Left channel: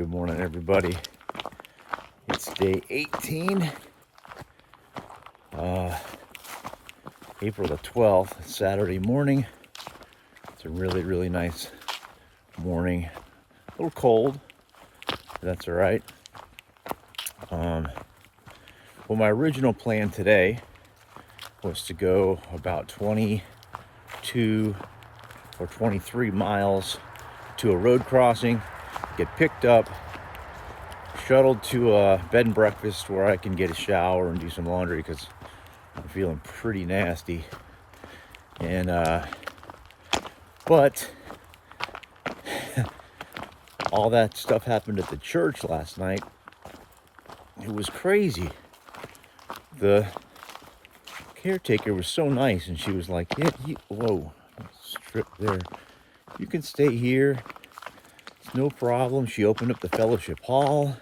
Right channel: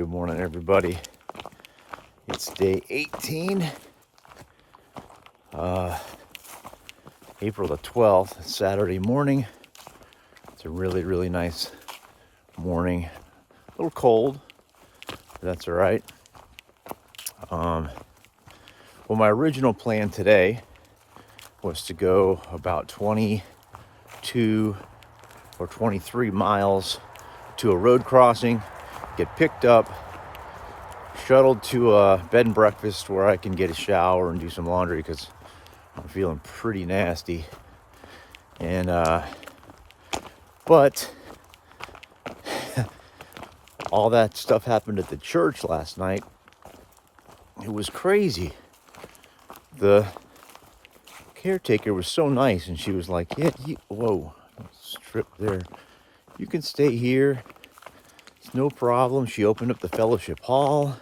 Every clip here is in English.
Good morning, everybody. It's day 18, April the 12th, Saturday morning. It's a really, really nice morning. A little cold, but that's all right. Well, my original plan today was to go about 22 or 23 miles to a road crossing, get picked up, shuttled to a bed and breakfast where I can get a shower and do some laundry because I'm feeling pretty nasty. And but all that stuff happened at the church last night. It was crazy. The caretaker was so nice, and she was like, "Yeah, whoa, strip there. You can stay here. It's no problem." She opened up the fellowship hall.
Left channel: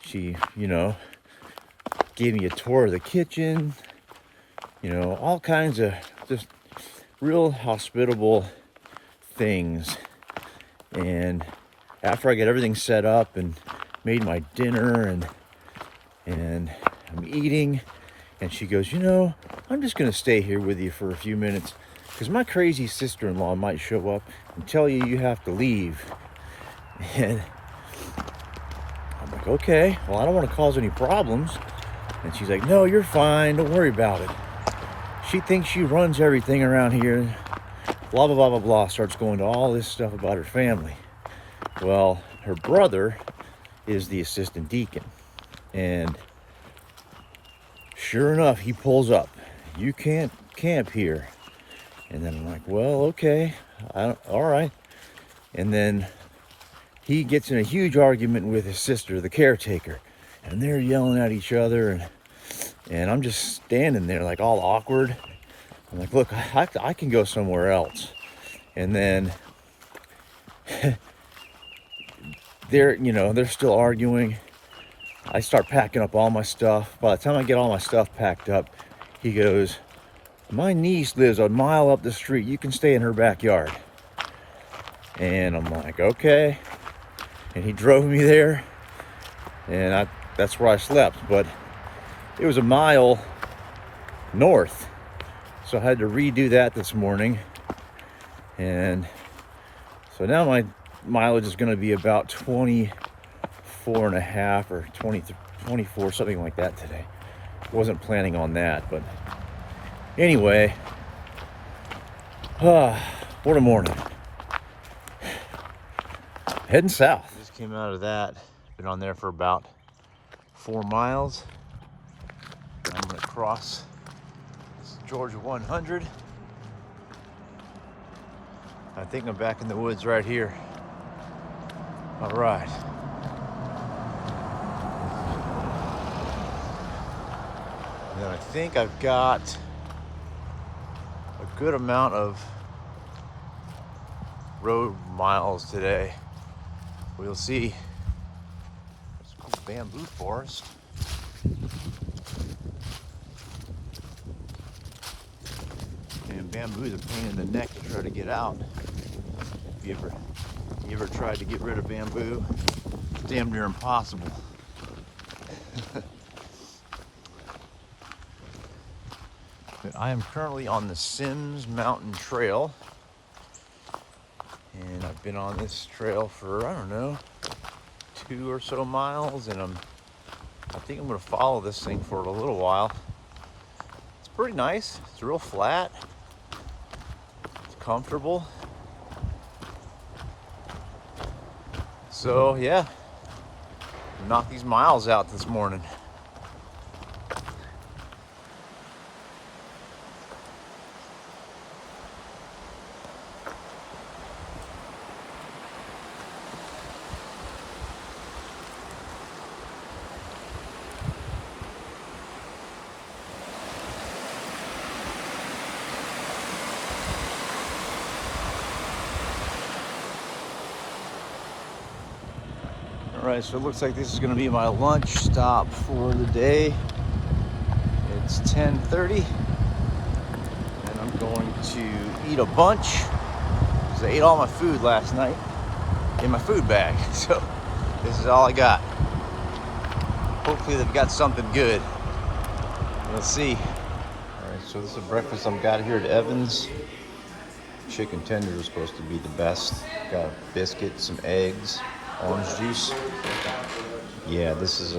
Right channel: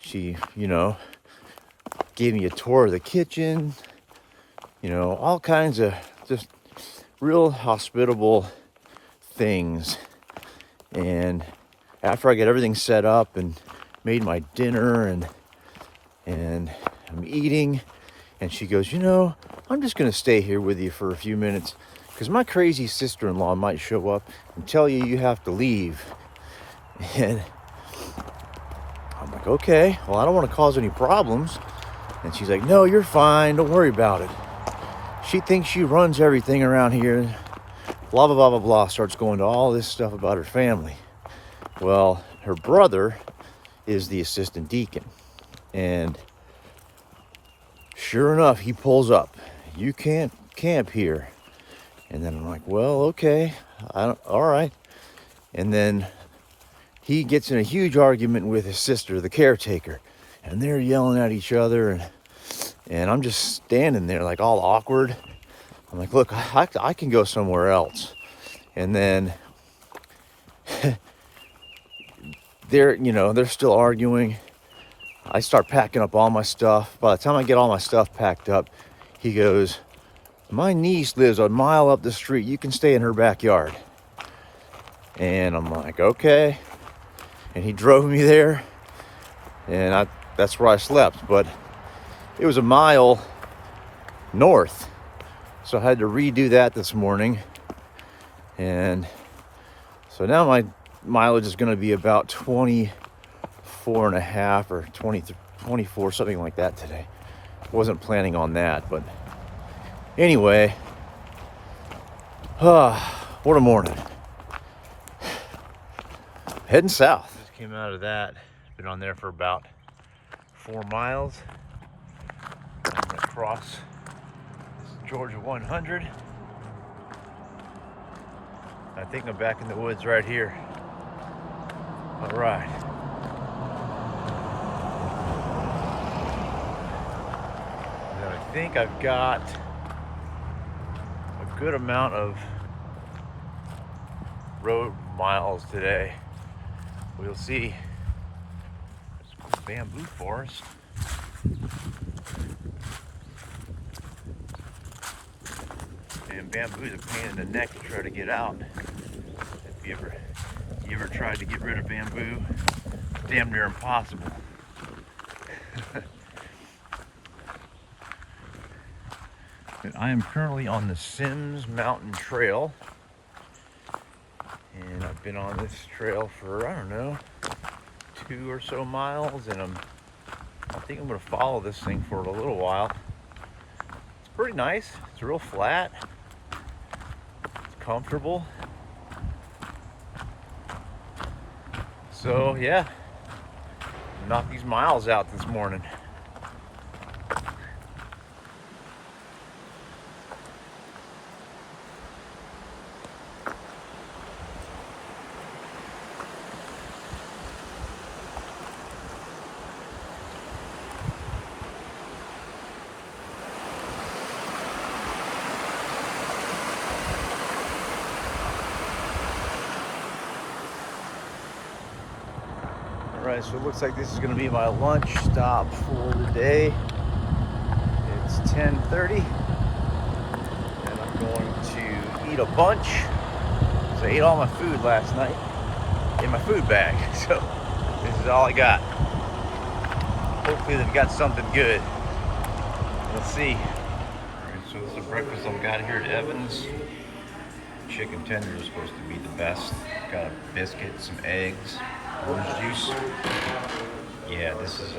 She, gave me a tour of the kitchen. All kinds of just real hospitable things. And after I got everything set up and made my dinner and I'm eating, and she goes, "I'm just going to stay here with you for a few minutes because my crazy sister-in-law might show up and tell you have to leave." And I'm like, "Okay, well, I don't want to cause any problems." And she's like, "No, you're fine. Don't worry about it. She thinks she runs everything around here." Blah, blah, blah, blah, blah. Starts going to all this stuff about her family. Well, her brother is the assistant deacon. And sure enough, he pulls up. "You can't camp here." And then I'm like, "Well, okay. All right." And then he gets in a huge argument with his sister, the caretaker. And they're yelling at each other. And I'm just standing there like all awkward. I'm like, "Look, I can go somewhere else." And then they're still arguing. I start packing up all my stuff. By the time I get all my stuff packed up, he goes, "My niece lives a mile up the street. You can stay in her backyard." And I'm like, "Okay." And he drove me there, and that's where I slept. But it was a mile north, so I had to redo that this morning. And so now my mileage is going to be about 24 and a half or 24, something like that today. Wasn't planning on that, but anyway, what a morning. Heading south. Just came out of that. Been on there for about 4 miles. I'm across Georgia 100. I think I'm back in the woods right here. All right. Then I think I've got a good amount of road miles today. We'll see. There's a bamboo forest. And bamboo is a pain in the neck to try to get out. If you ever tried to get rid of bamboo, it's damn near impossible. I am currently on the Sims Mountain Trail, and I've been on this trail for, 2 or so miles, and I think I'm going to follow this thing for a little while. It's pretty nice. It's real flat. It's comfortable. So yeah, knock these miles out this morning. Alright, so it looks like this is going to be my lunch stop for the day. It's 10:30, and I'm going to eat a bunch because I ate all my food last night in my food bag. So This is all I got. Hopefully they've got something good. Let's see. All right, so this is breakfast I've got here at Evans. Chicken tenders are supposed to be the best. Got a biscuit, some eggs, orange juice. Yeah, this is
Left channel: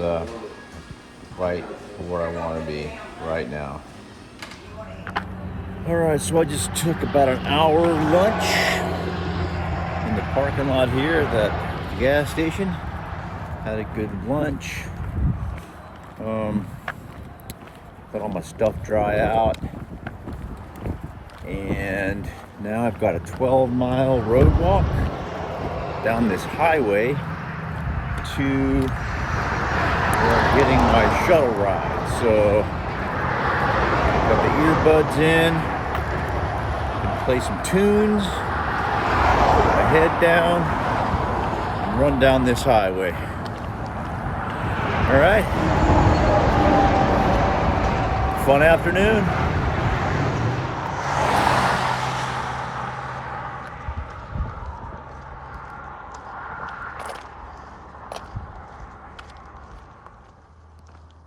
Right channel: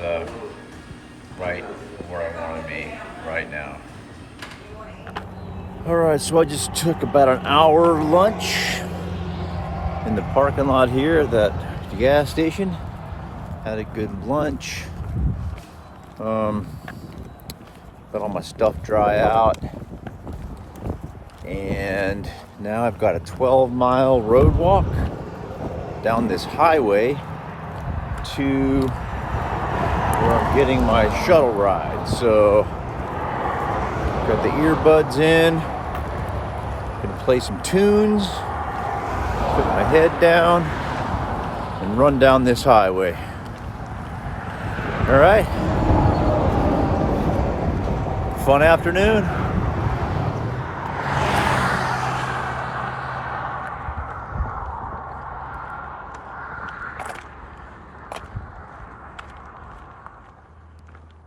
right where I want to be right now. All right, so I just took about an hour lunch in the parking lot here at the gas station. Had a good lunch. Let all my stuff dry out. And now I've got a 12-mile road walk down this highway to where I'm getting my shuttle ride. So got the earbuds in, can play some tunes, put my head down, and run down this highway. All right. Fun afternoon.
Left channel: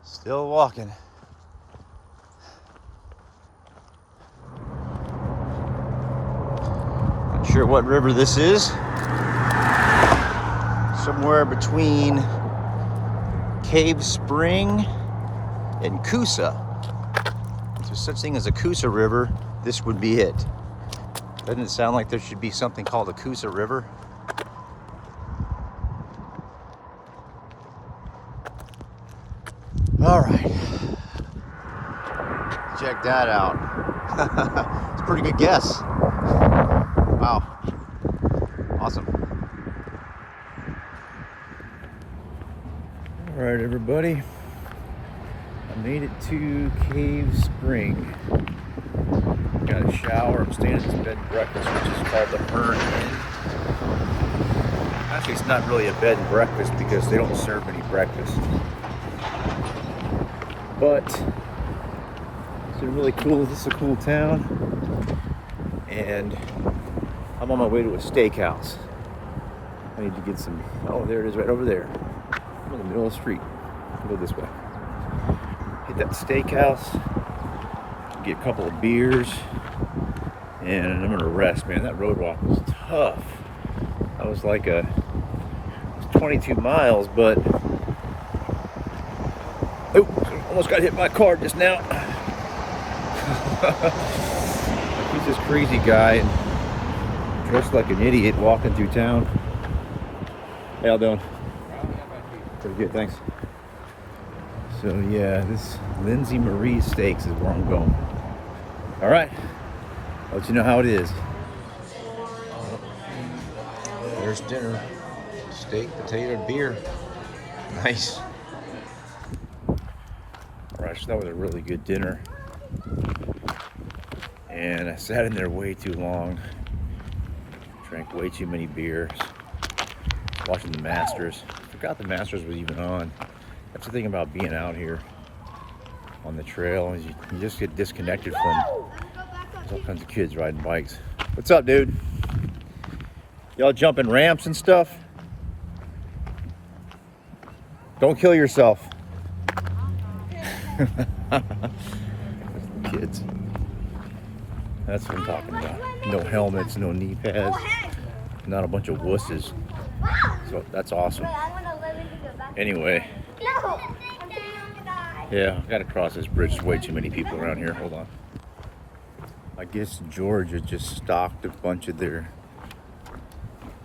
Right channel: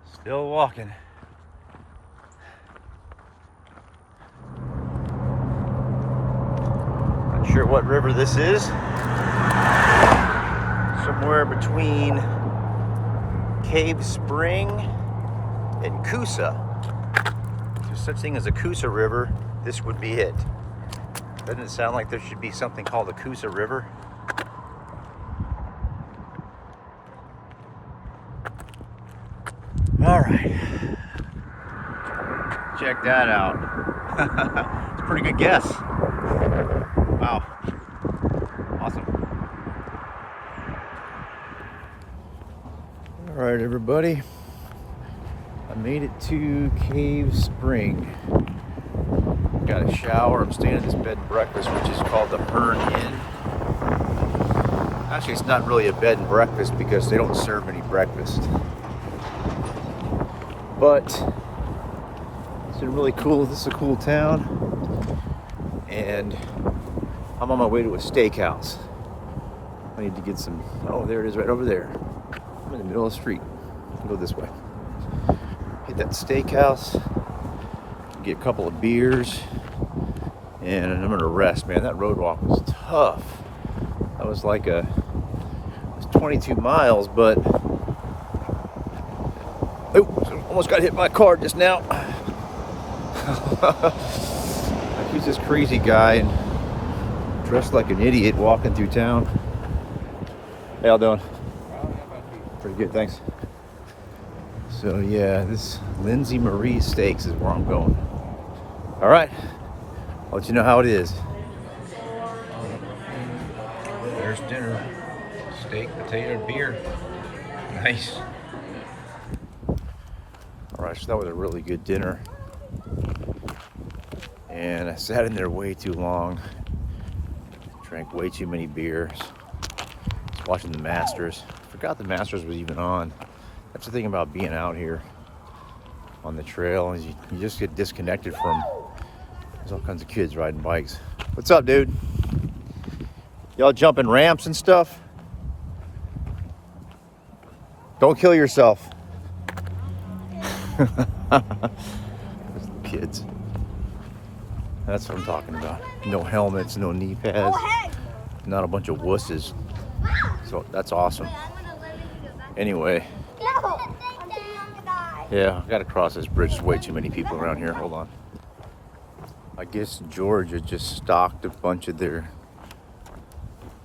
Still walking. Not sure what river this is. Somewhere between Cave Spring and Coosa. If there's such thing as a Coosa River, this would be it. Doesn't it sound like there should be something called a Coosa River? All right, check that out. It's a pretty good guess. Wow, awesome. All right, everybody, I made it to Cave Spring. Got a shower. I'm staying at this bed and breakfast, which is called the Hearn Inn. Actually, it's not really a bed and breakfast because they don't serve any breakfast. But it's really cool. This is a cool town, and I'm on my way to a steakhouse. I need to get some. Oh, there it is, right over there. I'm in the middle of the street. I'll go this way. Hit that steakhouse. Get a couple of beers, and I'm gonna rest. Man, that road walk was tough. That was like it was 22 miles, but. Oh, almost got hit by a car just now. Like he's this crazy guy and dressed like an idiot walking through town. How y'all doing? Pretty good, thanks. So yeah, this Lindsay Marie Steaks is where I'm going. All right, I'll let you know how it is. There's dinner. Steak, potato, beer. Nice. All right, so that was a really good dinner. And I sat in there way too long. Drank way too many beers. Watching the Masters. Forgot the Masters was even on. That's the thing about being out here on the trail, is you just get disconnected from, there's all kinds of kids riding bikes. What's up, dude? Y'all jumping ramps and stuff? Don't kill yourself. Kids. That's what I'm talking about. No helmets, no knee pads, not a bunch of wusses. So that's awesome. Anyway. Yeah, I've got to cross this bridge. There's way too many people around here. Hold on. I guess Georgia just stocked a bunch of their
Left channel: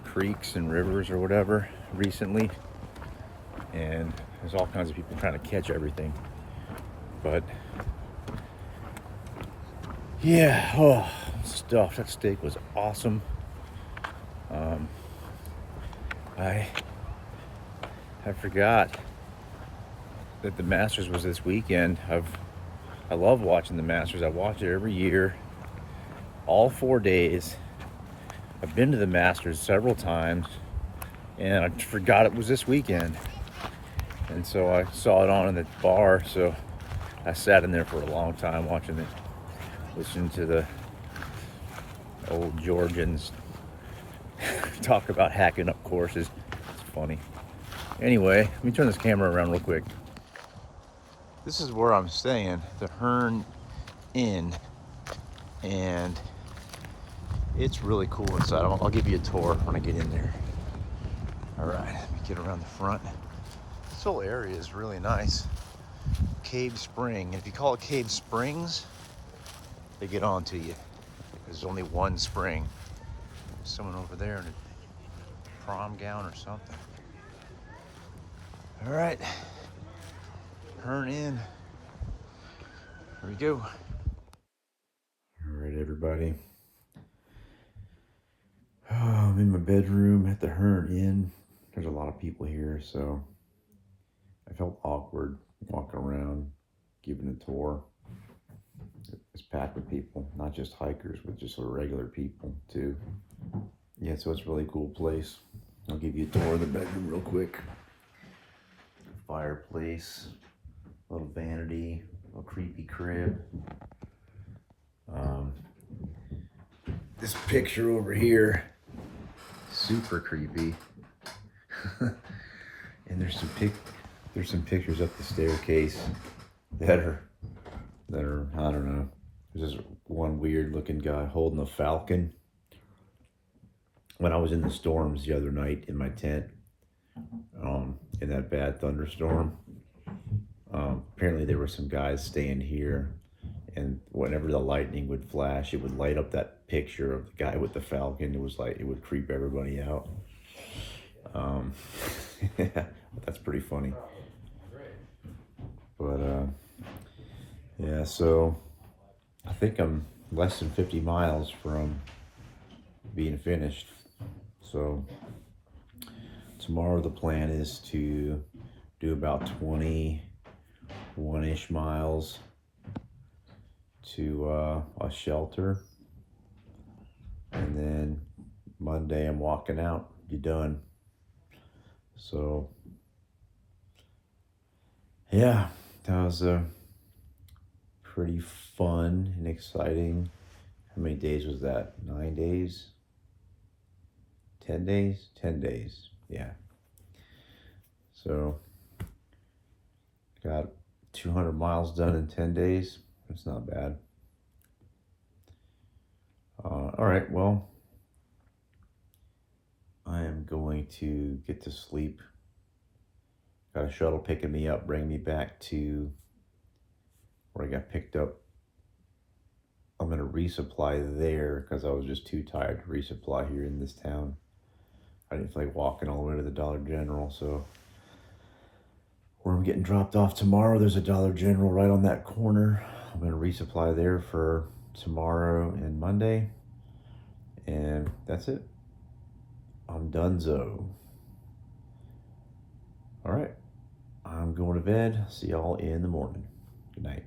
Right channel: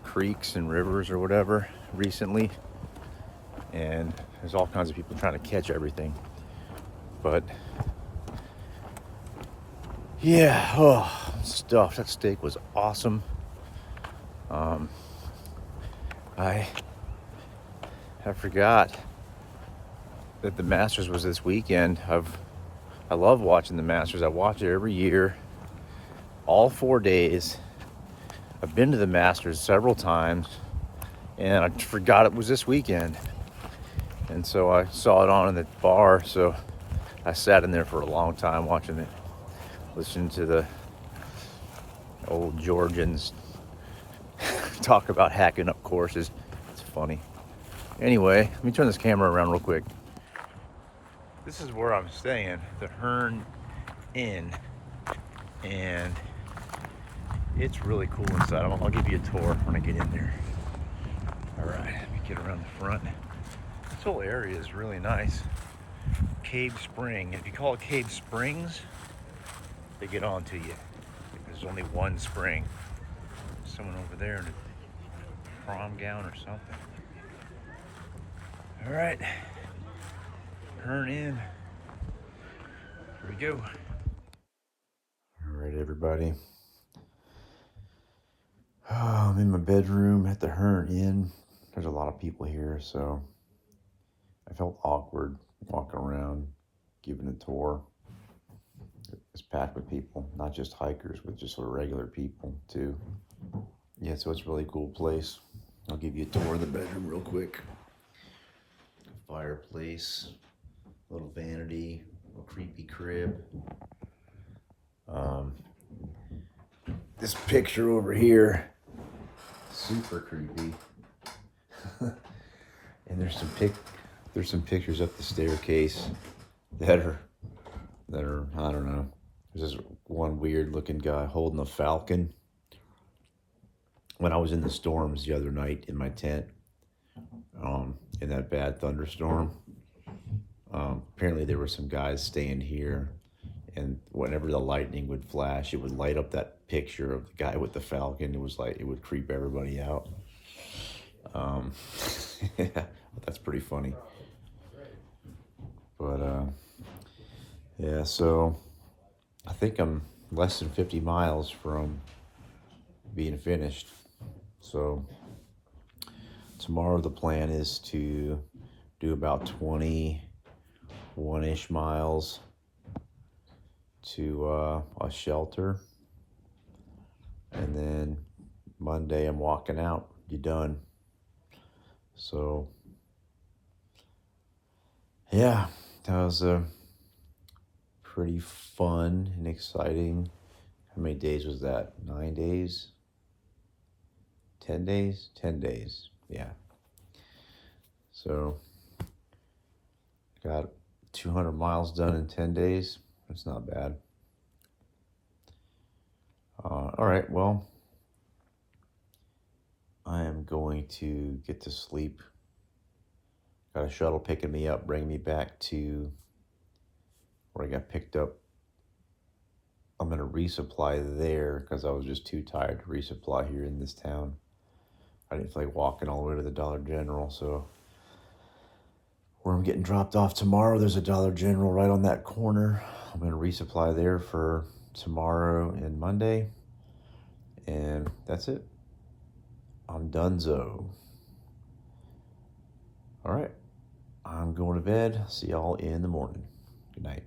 creeks and rivers or whatever recently. And there's all kinds of people trying to catch everything. But yeah, oh, stuff. That steak was awesome. I forgot that the Masters was this weekend. I love watching the Masters. I watch it every year, all 4 days. I've been to the Masters several times, and I forgot it was this weekend. And so I saw it on in the bar, so I sat in there for a long time watching it, listening to the old Georgians talk about hacking up courses. It's funny. Anyway, let me turn this camera around real quick. This is where I'm staying, the Hearn Inn, and it's really cool inside. I'll give you a tour when I get in there. All right, let me get around the front. This whole area is really nice. Cave Spring. If you call it Cave Springs, they get on to you. There's only one spring. There's someone over there in a prom gown or something. All right, Hearn Inn. Here we go. All right, everybody. Oh, I'm in my bedroom at the Hearn Inn. There's a lot of people here, so I felt awkward walking around, giving a tour. It's packed with people, not just hikers, but just regular people too. Yeah, so it's a really cool place. I'll give you a tour of the bedroom real quick. Fireplace, little vanity, little creepy crib. This picture over here, super creepy. And there's some pictures up the staircase that are I don't know. There's this one weird looking guy holding a falcon. When I was in the storms the other night in my tent, in that bad thunderstorm, apparently there were some guys staying here, and whenever the lightning would flash, it would light up that picture of the guy with the falcon. It was like, it would creep everybody out. Yeah, that's pretty funny. But yeah, so I think I'm less than 50 miles from being finished. So tomorrow the plan is to do about 21-ish miles to a shelter, and then Monday I'm walking out. You done. So yeah, that was pretty fun and exciting. How many days was that? 9 days? 10 days? 10 days, yeah. So got 200 miles done in 10 days. That's not bad. All right, well, I am going to get to sleep. Got a shuttle picking me up, bringing me back to where I got picked up. I'm going to resupply there because I was just too tired to resupply here in this town. I didn't feel like walking all the way to the Dollar General, so where I'm getting dropped off tomorrow, there's a Dollar General right on that corner. I'm going to resupply there for tomorrow and Monday, and that's it. I'm donezo. All right, I'm going to bed. See y'all in the morning. Good night.